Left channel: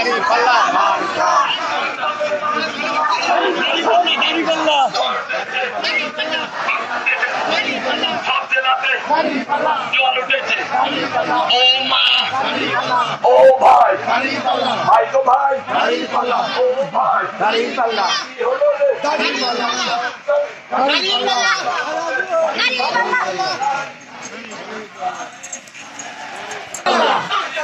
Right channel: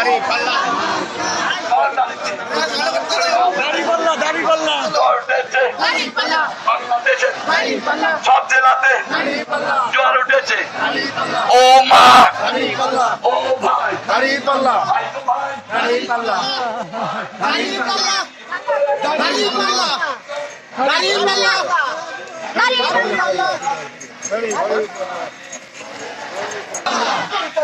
দাড়ি পাল্লা দাড়ি পাল্লা সব জেলাতে জোয়ার উঠেছে ও মা ও ভাই দাড়ি পাল্লা ভাই তো ভাই দাড়ি পাল্লা দাড়ি পাল্লা দাড়ি পাল্লা দাড়ি পাল্লা দাড়ি পাল্লা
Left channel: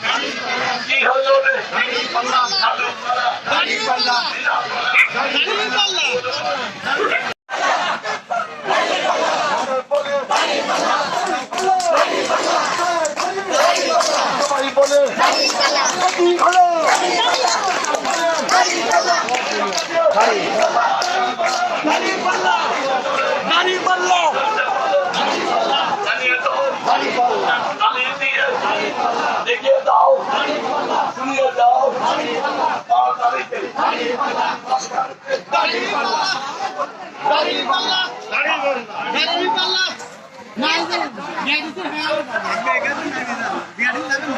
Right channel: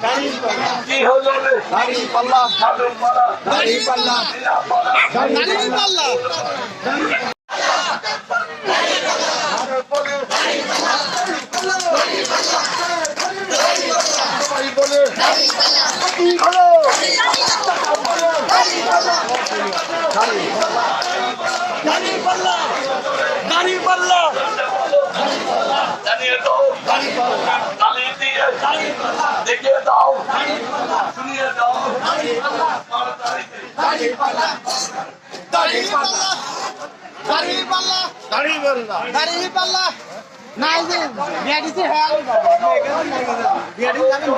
রে ভাই কি হলো রে সাধুর মারা জানিয়ে জানিয়ে দিয়ে দেখিয়ে দাও শুনিয়ে দাও নাই যে বিয়াডিসি হ্যাঁ বাবা বিয়াডিসি জানেন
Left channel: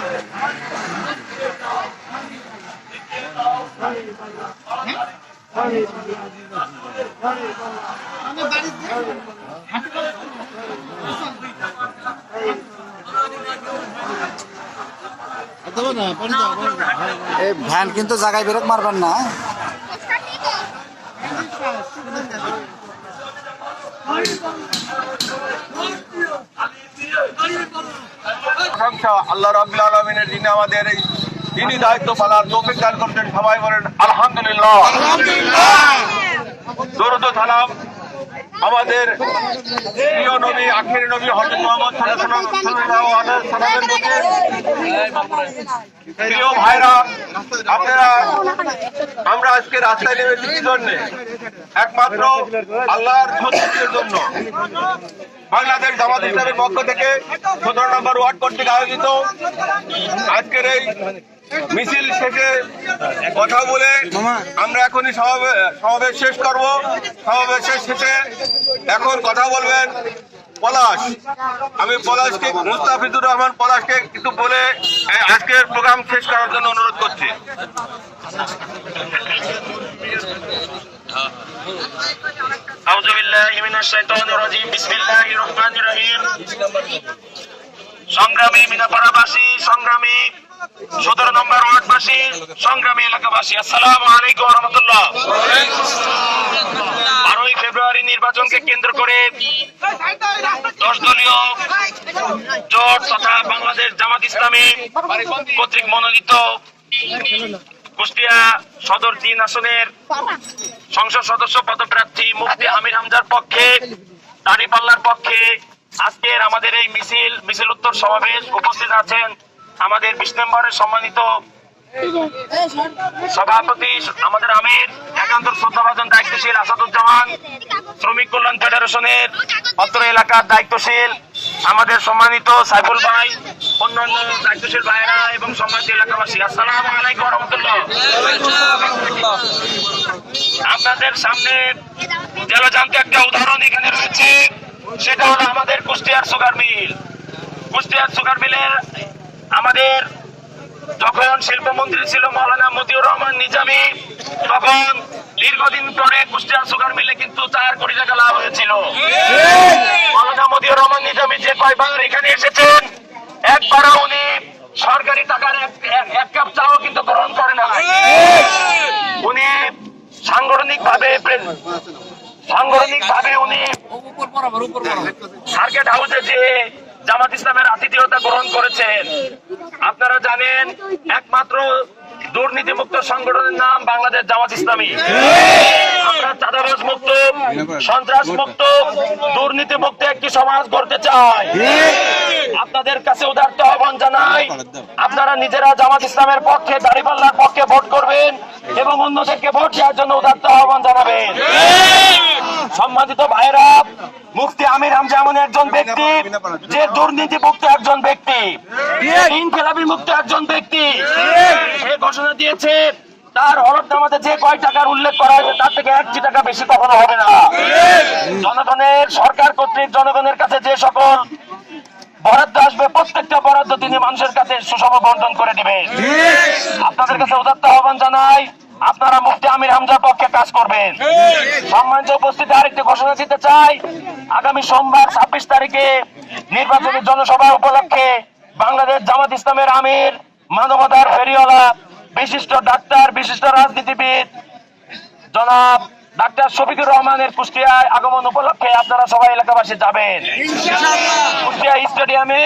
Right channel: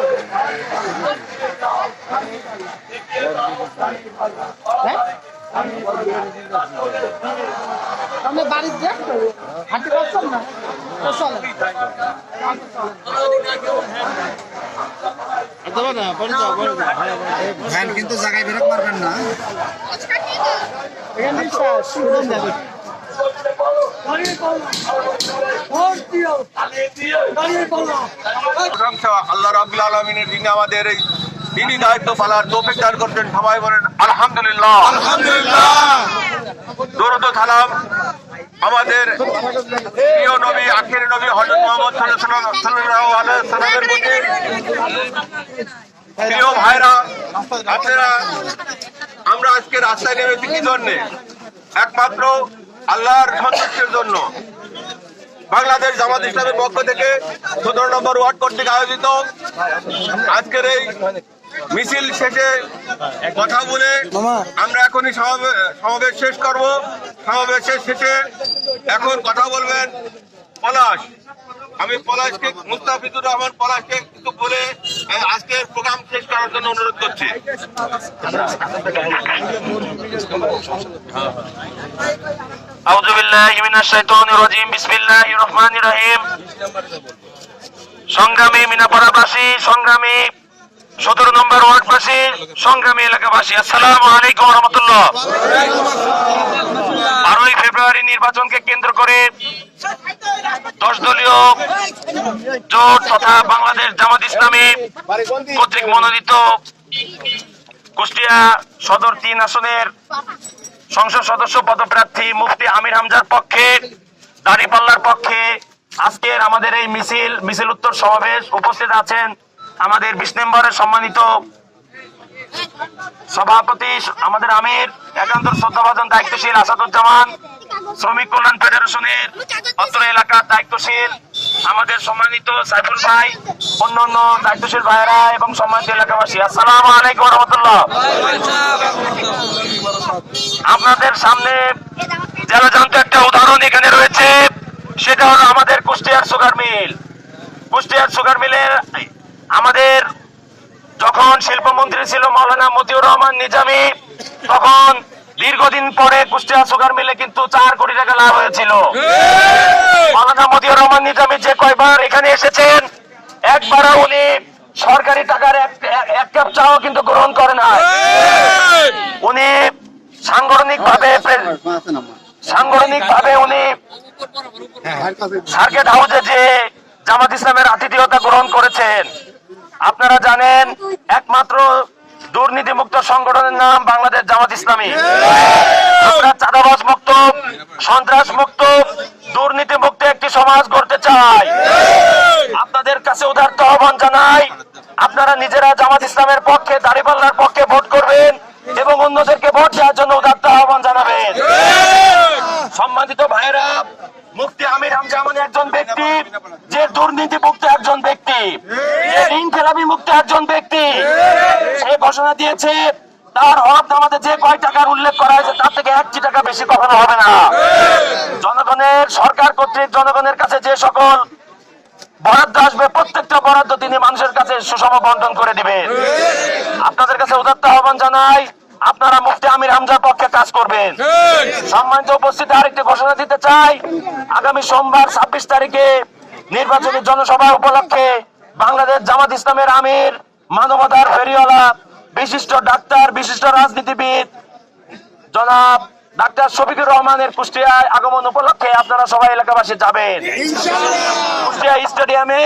ভ্যান কিন্তু জায়গায় বেরোক মারবেন না। আল্লাহ আলমিনের যিনি আমাদের এই তিনি দায়িত্ব পালার তৌফিক দান করছেন সবাই বলেন আলহামদুলিল্লাহ। দরুদ সালাম আমাদের প্রিয় নবী আখির নবী হজরত মোহাম্মদ সাল্লাল্লাহু আলাইহি সাল্লামের প্রতি। প্রিয় ভাইরা আপনারা আমরা আজকে রাস্তায় নেমেছি কি জন্যে? একমাত্র আল্লাহর সন্তুষ্টির জন্য। বাংলাদেশ জামাত ইসলামের পক্ষ থেকে সতেরো নম্বর ওয়ার্ড কর্তৃক আয়োজিত আজকের এই মিছিল শেষে কথা বলে আমরা এখনই সমাবে- সমাবেশ শেষ করব সমাবেশের শেষে এখন কথা বলবেন পলাশ আমি পলাশকে মুস্তাফিজুর রহমান পলাশকে কিছু বলে এই আজকের প্রোগ্রাম শেষ করার জন্য অনুরোধ করছি أعوذ بالله من الشيطان الرجيم بسم الله الرحمن الرحيم সংগ্রামী মিনাপাড়াবাসী সংগ্রামী সতেরো নম্বর ওয়ার্ডবাসী, সংগ্রামী এলাকাবাসী, আসসালামু আলাইকুম রহমতুল্লাহ বারোই ফেব্রুয়ারি নির্বাচনকে কেন্দ্র করে দশ দলীয় জোট তথা বাংলাদেশ জামাত ইসলামী কর্তৃক মনোনীত কুষ্টিয়া সদর তিন আসনের সংসদ সদস্য পদপ্রার্থী মুফতি আমির হামজার পক্ষে, দাঁড়িপাল্লার পক্ষে আজকের আমাদের এই মিছিল মিছিল উত্তর সমাবেশ উপস্থিত আছেন আমাদের বিশ নম্বরের সম্মানিত সভাপতি, আমাদের আমির, একান্ত শ্রদ্ধাভাজন, দায়িত্বশীল আসাদুজ্জামান, শ্রমিক কল্যাণ ফেডারেশনের অত্র এলাকার দায়িত্বশীল, আমাদের সম্মানিত সাইফুল ভাই, অন্যান্য দায়িত্বশীল ভাইয়েরা এবং সম্মানিত এলাকাবাসী। আসসালাম আলাইকুম রহমতুল্লাহ। আপনাদের সামনে জেলাজান্ত একটা উদাহরণ এখানে রয়েছে, সেটা হলো আমাদের কুষ্টিয়ার সুগার মিল। কুষ্টিয়ার সুগার মিলের আমাদের যখন শিল্পমন্ত্রী ছিল মৌলানা মতিউর রহমান নিজামী তখন দীর্ঘদিন পরে কুষ্টিয়া সুগার মিলে কিন্তু চার কোটি টাকা লাভ হয়েছিল। মৌলানা মতিউর রহমান নিজামী যে কয়বার এখানে এসেছেন একবারও উনি সরকারি টাকার এক কাপ চাও কিন্তু গ্রহণ করে না উনি সাংগঠনিক ভাবে সাংগঠনিক ভাবে উনি সার্কেট হাউসে যে জামাত ইসলামের আতিথিয়তা গ্রহণ করেছেন। আপনারা জানেন, একমাত্র দুর্নীতি মুক্ত সংগঠনের নাম বাংলাদেশ জামাত ইসলামী। আমরা চাঁদাবাজ মুক্ত, সন্ত্রাস মুক্ত দুর্নীতি মুক্ত একটি সমাজ গড়তে চাই। আপনাদের কাছে উদার্ত আহ্বান জানাই, আপনারা নিজেরা জামাত ইসলামের পক্ষে, দাঁড়িপাল্লার পক্ষে ভোট করবেন এবং অন্যদেরকে ভোট দেওয়ার জন্য উদাত্ত আহ্বান জানাবেন। সম্মানিত ভাইরা মুফতি আমির হামজা এমন একজন ব্যক্তি যে দুর্নীতি মুক্ত একজন ব্যক্তি। যে মুক্ত একজন ব্যক্তি। সে ঘোষণা দিয়েছে, তার হলফনামাতে যে কয় টাকার উল্লেখ করা হয়েছে, তার থেকে একটি টাকা বেশি কখনো হবে না। জনগণের, সরকার কর্তৃক জনগণের কাছে যে সকল বরাদ্দ আসবে প্রত্যেকটা বরাদ্দ তিনি মানুষের কাছে সুষম বন্টন করে দিবেন আপনাদের কাছে উদাত্ত আহ্বান জানাই আপনারা মুফতি আমির হামজার পক্ষে কাজ করবেন। সম্মানিত উপস্থিতি আরেকটি ঘোষণা দিতে চাই আগামী সোমবার ছাব্বিশ তারিখে নির্বাচনী জনসভা উপলক্ষে বাংলাদেশ জামাত ইসলামের আমির মানবতার ফেরিওয়ালা বিশিষ্ট ডাক্তার বিশিষ্ট রাজনীতিবিদ জনাব ডাক্তার শফিকুর রহমানের কুষ্টিয়ায় আগমন উপলক্ষে আপনারা সবাই এলাকাবাসী যাবেন। কুষ্টিয়া স্টেডিয়ামে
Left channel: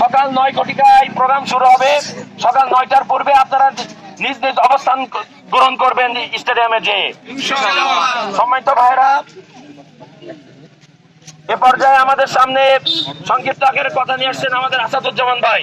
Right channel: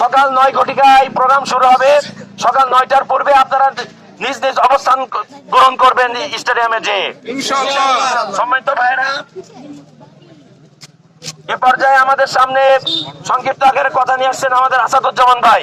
সকাল নয় ঘটিকায় প্রোগ্রাম শুরু হবে। সকাল নয়টার পূর্বে আপনারা নিজ নিজ অবস্থান গ্রহণ করবেন স্টেডিয়ামে যে। সম্মানিত ভাইরা এ পর্যায়ে আমাদের সামনে সংক্ষিপ্ত আকারে কথা নিয়ে আসছেন আমাদের আসাদুজ্জামান ভাই।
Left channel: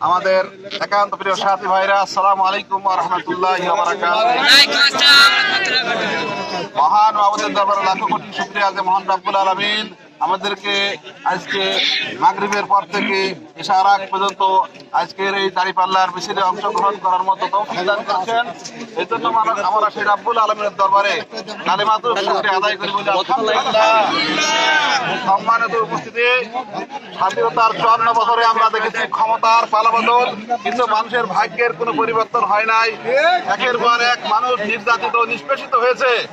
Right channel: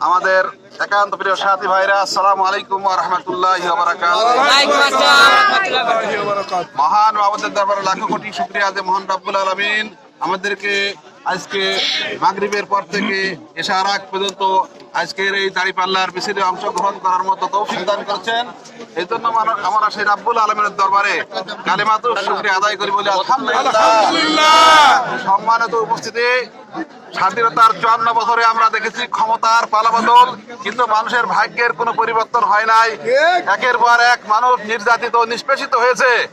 আমাদের একান্ত প্রিয় সাথী ভাইরা আসসালামু আলাইকুম রহমতুল্লাহ মহান বাবুদের দরবারে লাখো কোটি শুক্রিয়া যে মহান রাব্বুল আলমিন আমাদেরকে আজকে মাগরিবের পর থেকে এসার আগ পর্যন্ত আজকের এই দাড়িপাল্লার মিছিলে অংশগ্রহণ করার মতো তৌফিক দান করেছেন। এই জন্য আমরা- সেই রাব্বুল আলমিনের দরবারে কালেমাতুর শুক্রিয়া আদায় করি বলি আলহামদুলিল্লাহ। সম্মানিত উপস্থিতি, স্বাধীনতার চুয়ান্ন বছরে আমরা দেখেছি ক্ষমতার পালাবদল, কিন্তু মানুষের ভাগ্যের কোনো পরিবর্তন হয় নাই। একের পর এক মানুষ নির্যাতিত নিষ্পেষিত হয়েছে।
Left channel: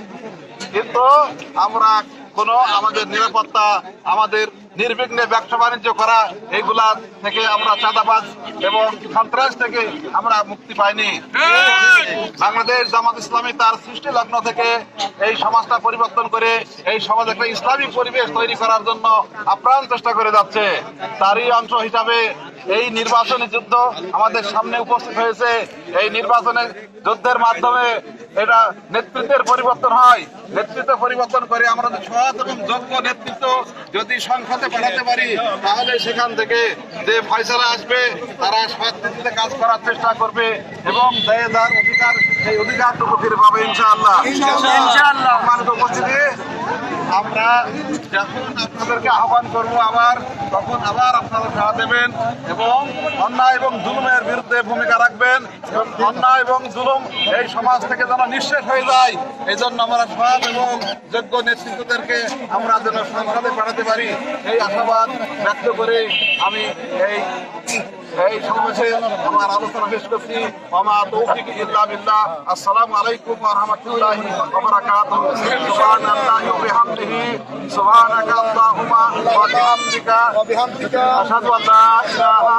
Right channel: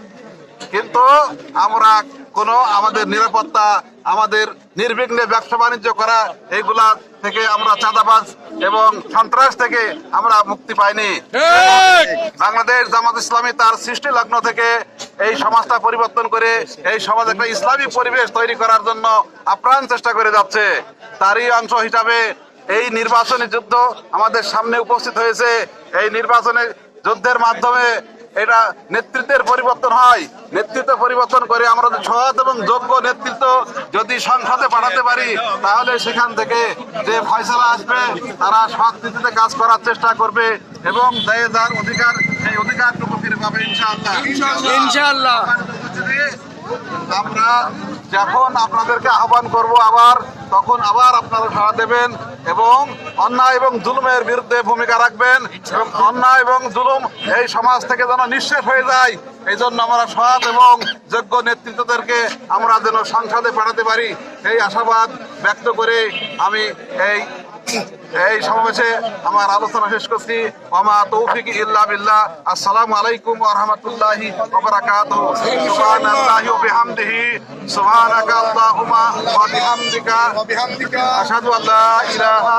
কিন্তু আমরা কোনো আমাদের নিরাপত্তা আমাদের নির্বিঘ্নে ব্যবসা বাণিজ্য করা এইগুলা থেকে আমরা চাঁদাবাজ এবং সন্ত্রাস থেকে আমরা মুক্তি পাইনি। বাংলাদেশ জামাত ইসলামী তার সৃষ্টি লগ্ন থেকে এই সমাজটা পরিবর্তন করে এই সমাজ একটা ইসলামী পরিবেশ তৈরি করার জন্য আপ্রাণ চেষ্টা করে যাচ্ছে। তারই অংশ হিসাবে এই নির্বাচনী যুদ্ধ আমাদের সামনে উপস্থিত হয়েছে। এই নির্বাচনে যুদ্ধের মাধ্যমে এটা নেতৃত্বের পরিবর্তন হয় নেতৃত্ব পরিবর্তন করে আমরা সৎ এবং যোগ্য নেতৃত্ব যদি সংসদে পাঠাতে পারি তাহলে সেখান থেকে যে ফয়সলা আসবে তারা সৎ নীতিতে কাজ করার চেষ্টা করবে এবং দেয় অধিকার সেই অধিকারটুকু ফিরে পাবে ইনশাআল্লাহ ইনশাআল্লাহ। উপস্থিতি আমরা যখন আপনাদেরকে আহ্বান করব আবার, তখন আবার আপনারা সাড়া দেবেন এবং অন্যায় এবং জুলুমের বিরুদ্ধে ভূমিকা রাখবেন এবং অন্যায় এবং জুলুম এই সমাজ থেকে যেন নিঃশেষ হয়ে যায় এই জন্য আমরা সৎ এবং যোগ্য নেতৃত্বদেরকে আমরা যেন সংসদে পাঠাতে পারি। এই আশাবাদ ব্যক্ত করে আমি এই এই সমাবেশে আমার আলোচনা শেষ করছি। আমার তৌফিক ইল্লা বিল্লাহ। আসসালামু আলাইকুম ওয়া রাহমাতুল্লাহি সুবহানাল্লাহি ওয়া সুবহানাকা আল্লাহুম্মা আশহাদু আল্লা ইলাহা